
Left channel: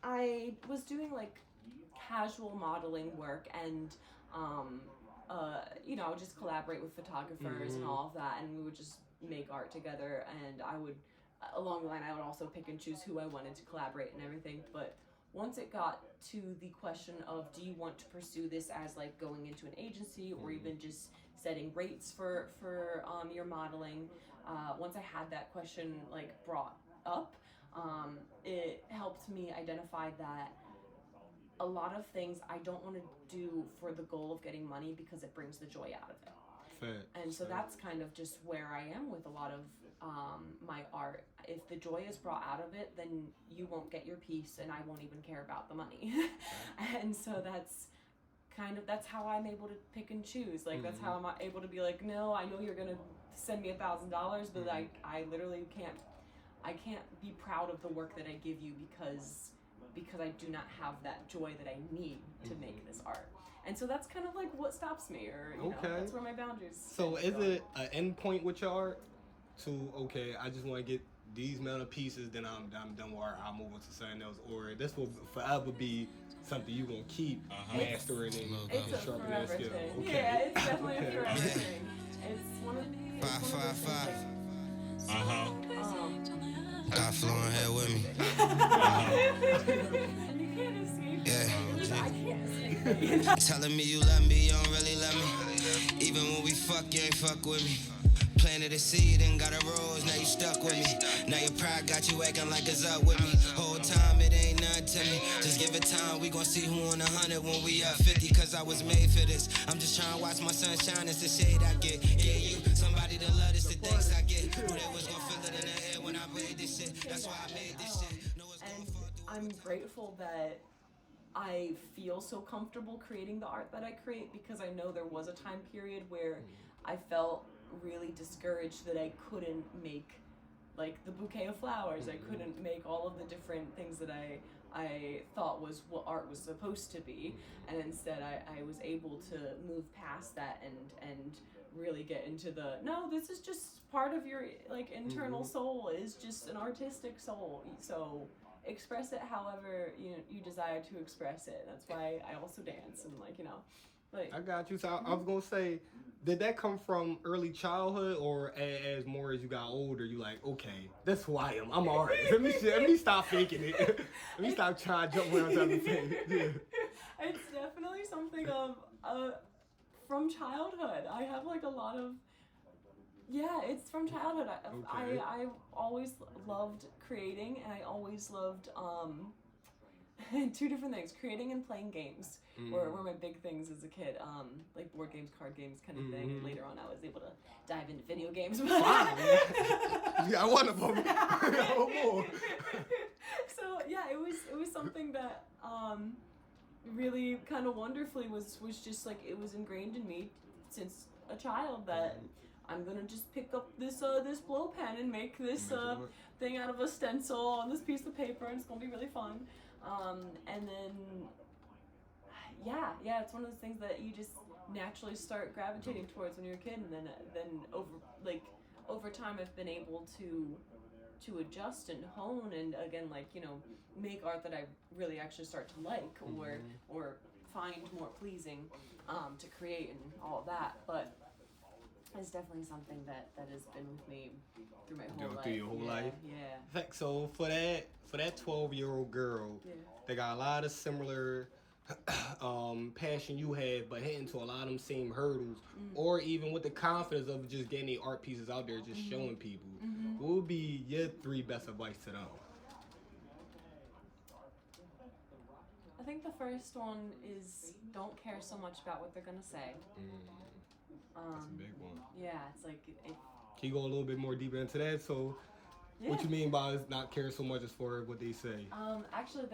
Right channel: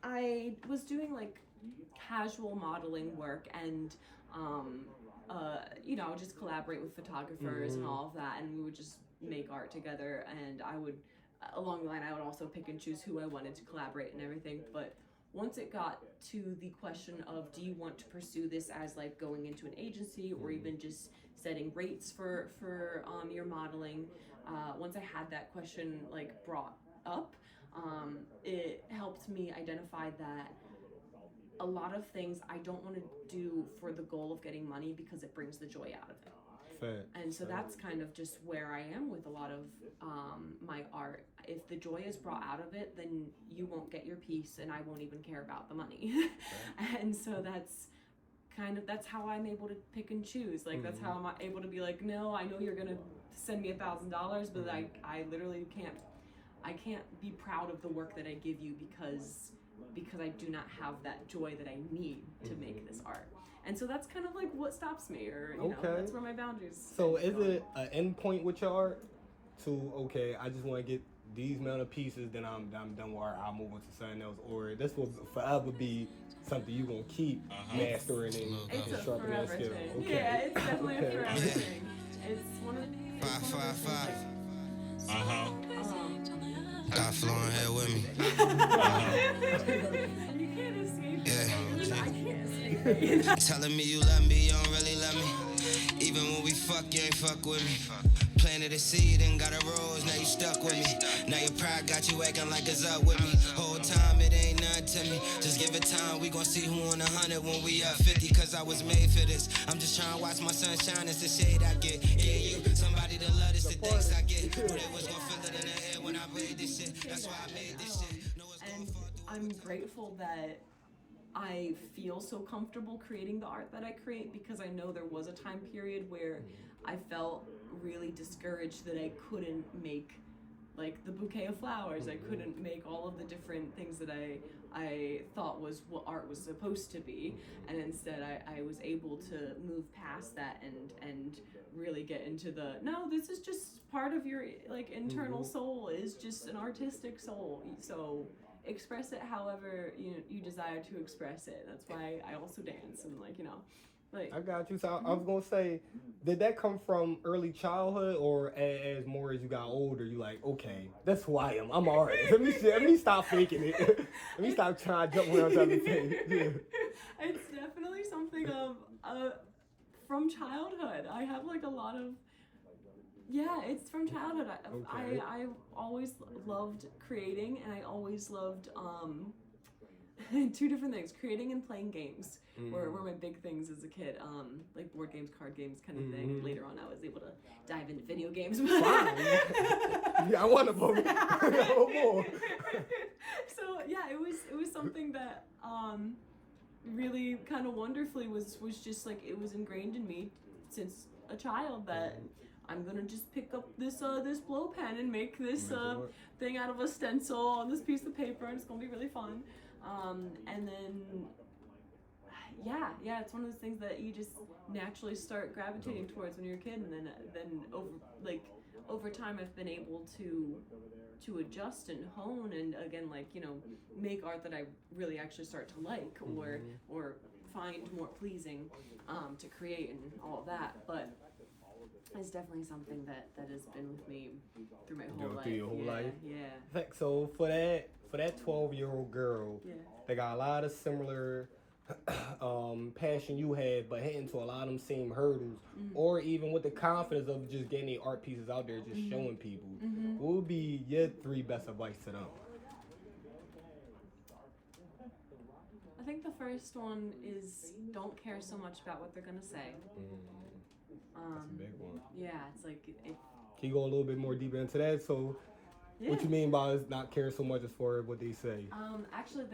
I was doing, like, casual modeling work, and I would just collaborate with photographers and all of that, and we would just make art together, and I would, along the line, I would also pick and choose who I wanted to collaborate and everything. But once it got to the question of, do you want to pursue this as like going into an agency or even just setting rates for your modeling, once I had that question like brought up, it helped me identify that a lot of things I don't want to do for the goal of getting money because it brings the joy out of it. Fair. And so that's kind of just where I am with a lot of my art. If the joy is brought out of it, then you won't get your piece and I won't even care about the money. And so that's how I'm able to pick and choose. Like that's how I'm able to be like, no, I know you're gonna send me $1,000, but I literally can't be proud of the work that I give you because I do not have that joy that I need to make this art. And so that's kind of like what stops me, or you know, that's where my boundaries. So is it an end point with your art to, okay, I just want to get these amount of pieces, then I'm done with art, I'll move on to something else, or this will forever be something you're going to keep mastering and sharpening that skill? Thing. Okay. Yeah, it's definitely a forever thing. It's one of the... 555. Got flowing here with me. You can't escape it. Yeah. I can't escape it. Telling me you love me, you don't really love me. Even when we fuck, you ain't fuck with me. Planted a seed and got a rose, now you stuck with me. Now your pride got you acting like it's up with me. Whole time it ain't nothing to me. Just give it time, we gon' see who on 100 when we up 50. Cause I was made for this. I'm just trying to watch my sun shine, it's the shade I get. Yeah, you, somebody to love this, the thanks I get. Knew they was gon' feel it in the air when I made this shit. That's why I made this shit. Know it's gon' fall through. I'm grateful that I feel so comfortable creating the art that I create, because I know there was a time period where I felt really discouraged that I couldn't make like the bouquet of flowers. I couldn't make all of the different things that I thought was what art was supposed to be, and instead I was able to move past that and really get into the, no, this is just part of your like internal soul, is just an artistic soul, so express it however you desire to express it. That's why I also dance and like I got you. So I was gonna say, did that come from early childhood, or as more as you got older, you like, okay, that's who I am. I'm an artist. Let me stop faking it. Let me stop trying to jump around everything. Yeah. It's definitely something of from childhood. I have like a lot of. Yeah, it's from childhood. I always loved creating, and I always loved two different things: creating and playing games. Were my big things as a kid. Like board games, card games, kind of thing. And later on, I was able to dive into video games. Yeah, I want to more. So yeah, it was something that really kind of wonderfully was just like, it was ingrained in me since a child that I'm gonna just pick up this blow pen and make this thing out of a stencil on this piece of paper, and it's gonna be really fun. And then it's one of those things that you just naturally start gravitating towards when you're a kid, and then over time I've been able to adjust and hone, and again, make art that I really actually start to like, or find more pleasing to create and all of that. But it's definitely something that has been with me through my whole life. Through your whole life? Yeah. So for that 12-year-old girl, they got a lot of similar passion you had, but hitting to a lot of them same hurdles, or even with the confidence of just getting the art pieces out there, just showing people. What would be your 3 best advice to them? I think the first one is, don't care so much about what they're gonna say. That's a big one. Yeah, it's like Can you go a little bit more deeper into that? So, what you mean by not caring so much as far as what they say? Actually,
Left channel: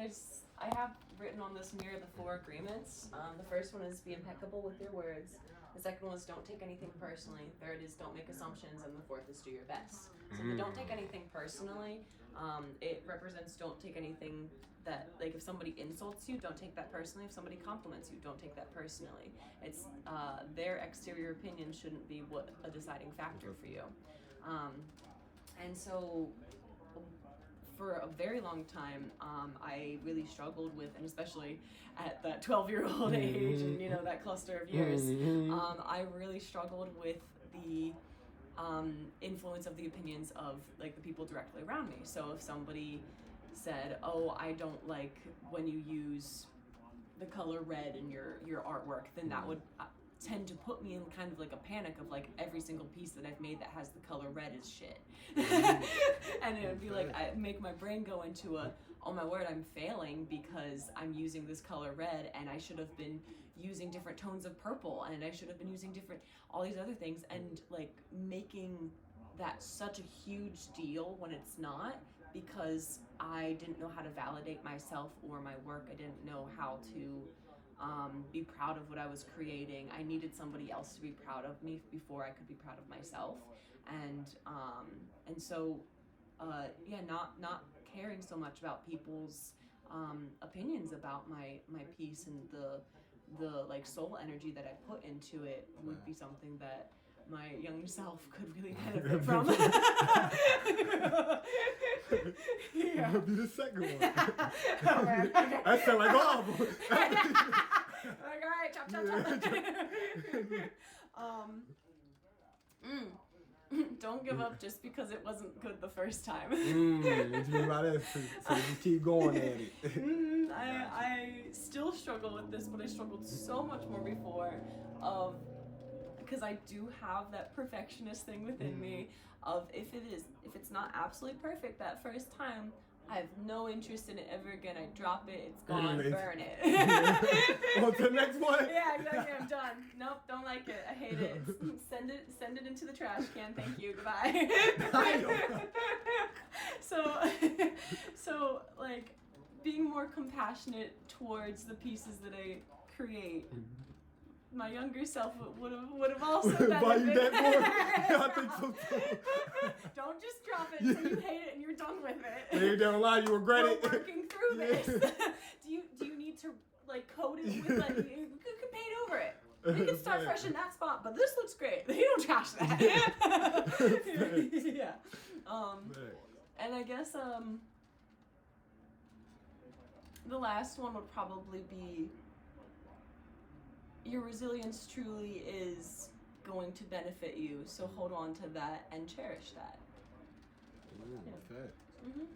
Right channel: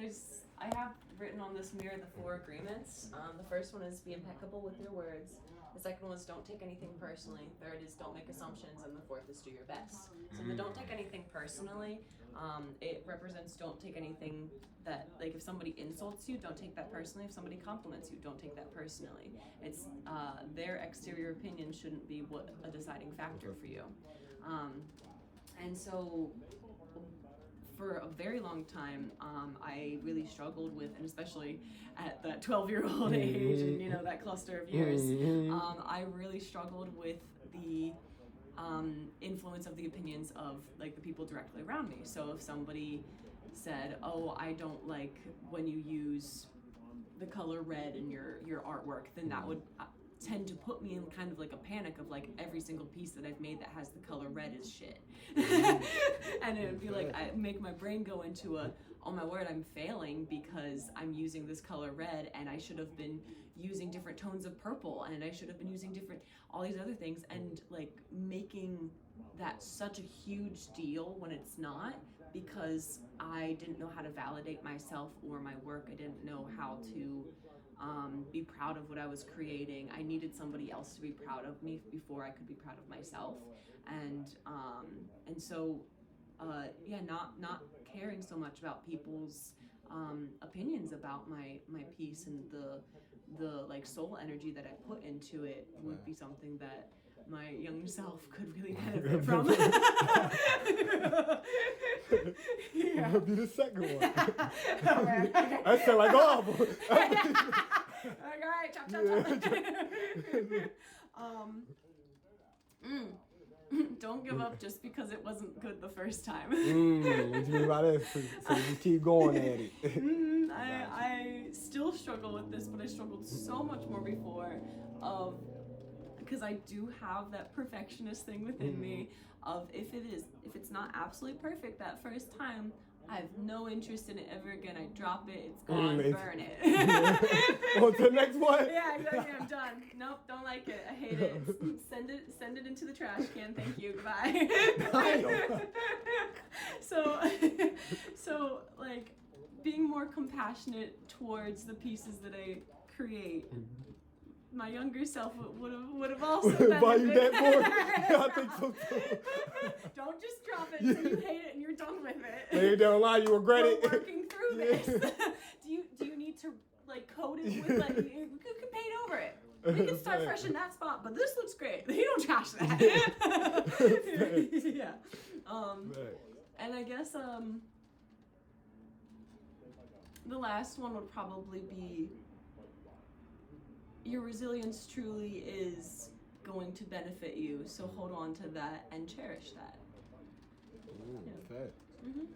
I have written on this mirror the 4 agreements. The first one is be impeccable with your words. The second one is don't take anything personally. Third is don't make assumptions, and the fourth is do your best. So the don't take anything personally, it represents don't take anything that, like, if somebody insults you, don't take that personally. If somebody compliments you, don't take that personally. It's their exterior opinion shouldn't be what a deciding factor for you. And so for a very long time, I really struggled with, and especially at that 12-year-old age and that cluster of years, I really struggled with the influence of the opinions of like the people directly around me. So if somebody said, "Oh, I don't like when you use the color red in your artwork," then that would tend to put me in kind of like a panic of like every single piece that I've made that has the color red is shit. And it would be like, I make my brain go into a, oh my word, I'm failing because I'm using this color red and I should have been using different tones of purple and I should have been using different, all these other things, and like making that such a huge deal when it's not, because I didn't know how to validate myself or my work. I didn't know how to be proud of what I was creating. I needed somebody else to be proud of me before I could be proud of myself. And so not caring so much about people's opinions about my piece and the like soul energy that I put into it would be something that my young self could really benefit from. Yeah. That'll be the second one. Okay. I sound like awful. Like, all right, chop. Don't give up just because it wasn't good the first time. What you mean by that? So just keep going at it. I still struggle with this, but I struggled so much more before, because I do have that perfectionist thing within me of if it's not absolutely perfect that first time, I have no interest in it ever again. I drop it, it's gone, burn it. On to the next one? Yeah, exactly, I'm done. Nope, don't like it, I hate it. Send it into the trash can, thank you, goodbye. So like, being more compassionate towards the pieces that I create, my younger self would have also benefited. Buy you that more? Yeah, I think so too. Don't just drop it until you hate it and you're done with it. Maybe down the line you regret We're it. working through this. Do you need to like coat it with like you can paint over it. We can start fresh in that spot, but this looks great. You don't trash that. Yeah. And I guess the last one would probably be, your resilience truly is going to benefit you, so hold on to that and cherish that. Okay.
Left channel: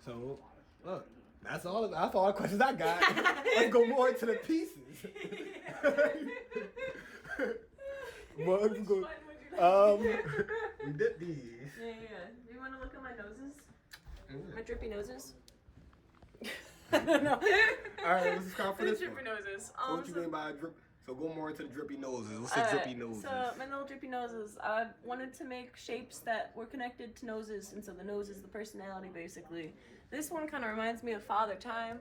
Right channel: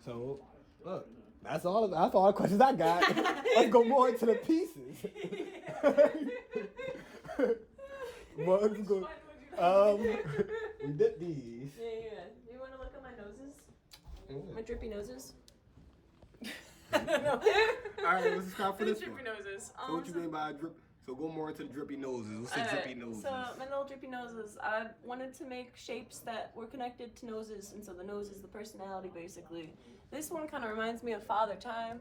So, look, that's all the questions I got. Let's go more into the pieces. Let's go. We did these. Yeah. Do you want to look at my noses? My drippy noses? No. All right, let's start for this drippy one. noses. So what you mean by drip? So go more into the drippy noses. What's the drippy noses? So my little drippy noses. I wanted to make shapes that were connected to noses, and so the nose is the personality, basically. This one kind of reminds me of Father Time,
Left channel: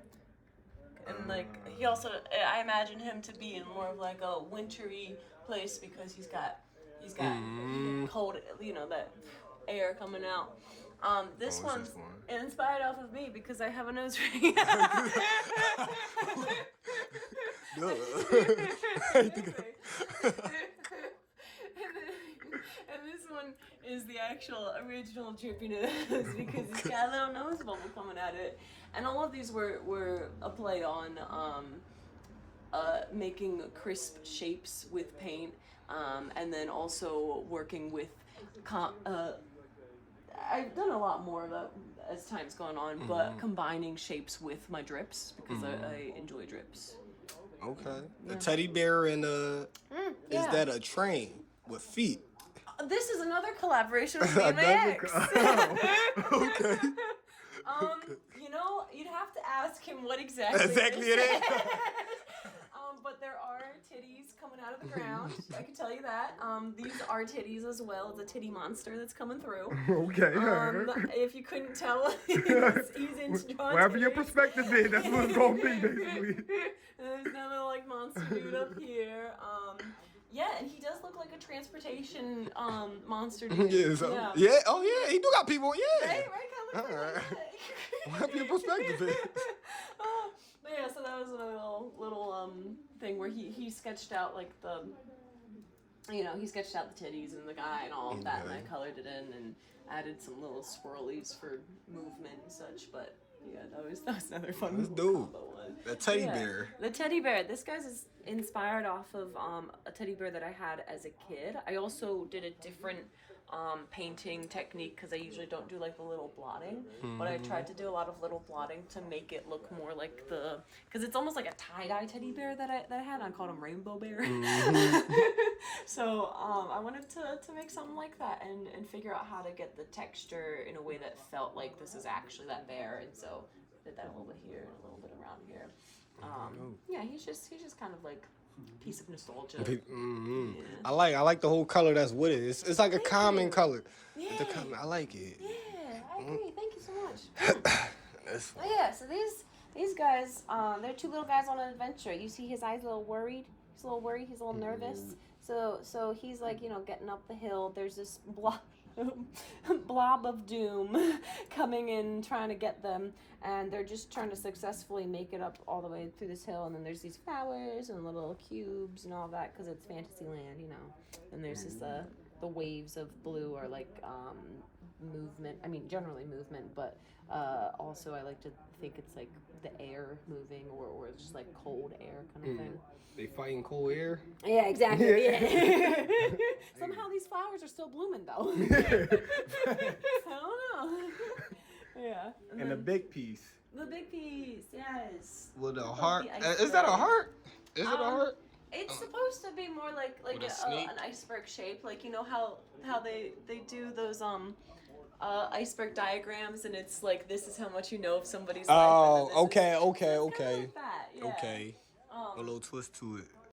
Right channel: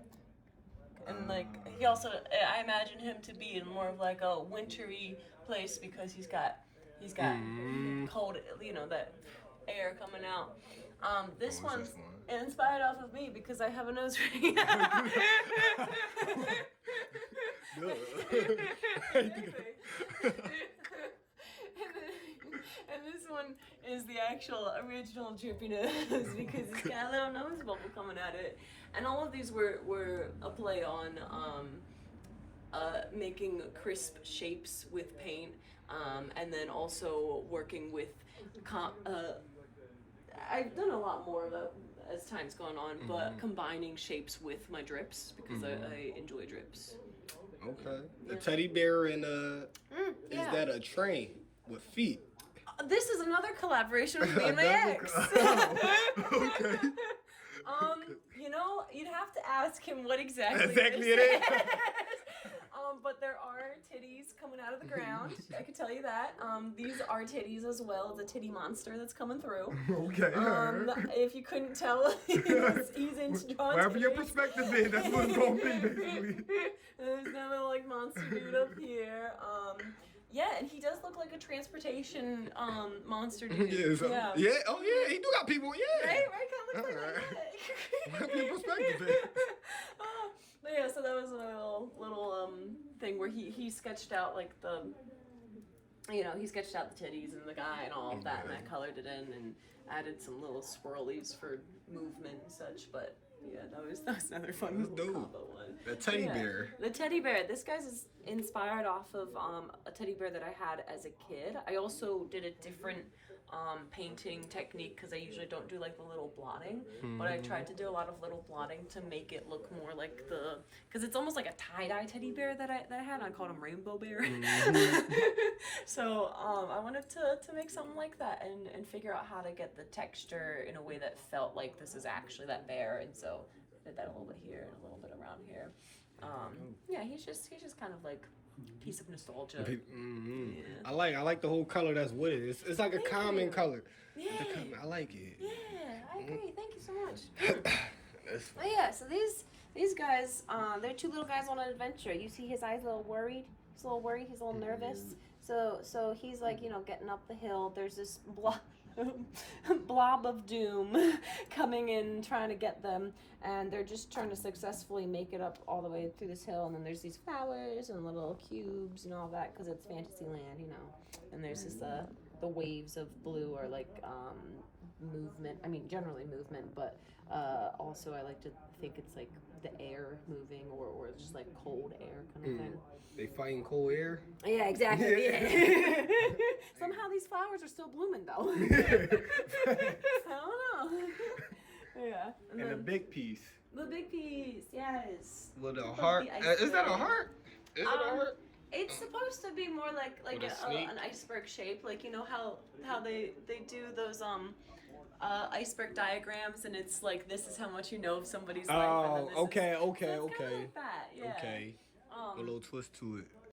and like he also, I imagine him to be in more of like a wintry place because he's got cold, that air coming out. This one's inspired off of me because I have a nose ring. And this one is the actual original drippy nose because it's got a little nose bubble coming at it. And all of these were a play on making crisp shapes with paint, and then also working with I've done a lot more of that as time's gone on, but combining shapes with my drips because I enjoy drips. Okay. The teddy bear and is that a train with feet? This is another collaboration with me and my ex. Okay. You'd have to ask him what exactly it is. But there are titties coming out of the ground. I can tell you that. These are titties as well. It's a titty monster that's coming through. Okay. If you couldn't tell, he's into drawing Wherever your titties. perspective is, that's what it's gonna be, basically. And there's that little like monster dude up here. Yeah, and he does look like a transportation monster dude. Yeah. Oh yeah, he do got people. Yeah. Right, kind of looks like that. Wherever your perspective is. But yeah, so that was a little thing where he sketched out like he sketched out the titties and the guy and all of that, and I colored it in and added some little swirlies for movement and such. But yeah, that was another fun combo one. The teddy bear. The teddy bear. This guy's is inspired off of a teddy bear that I had as a kid. I also did a different painting technique because I usually don't do like the little blotting, but I tried to do a lot of little blotting to make it look more like because it's almost like a tie-dye teddy bear that I had. I called him Rainbow Bear. So I wanted to make something like that and figure out how to get the texture in a way that felt like this is actually that bear, and so did that a little bit here and a little bit around here. Yeah, he's just kind of like piece of nostalgia. Mm-hmm. Yeah. I like the whole color that's with it. It's like a common color. Yeah. I like it. Yeah, I agree. Thank you so much. Oh yeah, so these guys, they're two little guys on an adventure. You see his eyes a little worried. He's a little worried. He's a little nervous. So he's like, getting up the hill. There's this blob of doom coming in trying to get them, and they're just trying to successfully make it up all the way through this hill. And then there's these flowers and little cubes and all that because it's Fantasyland, and there's this the waves of blue are like movement. I mean, generally movement, but also I like to think it's like the air moving or just like cold air kind of thing. They fighting cold air? Yeah, exactly. Yeah. Somehow these flowers are still blooming though. I don't know. Yeah. And the big piece. The big piece, yes. With a heart. Is that a heart? Is it a heart? It's supposed to be more like an iceberg shape, like how they do those iceberg diagrams, and it's like this is how much you know of somebody's life. Oh, okay. Like that, yeah. Okay. A little twist to it.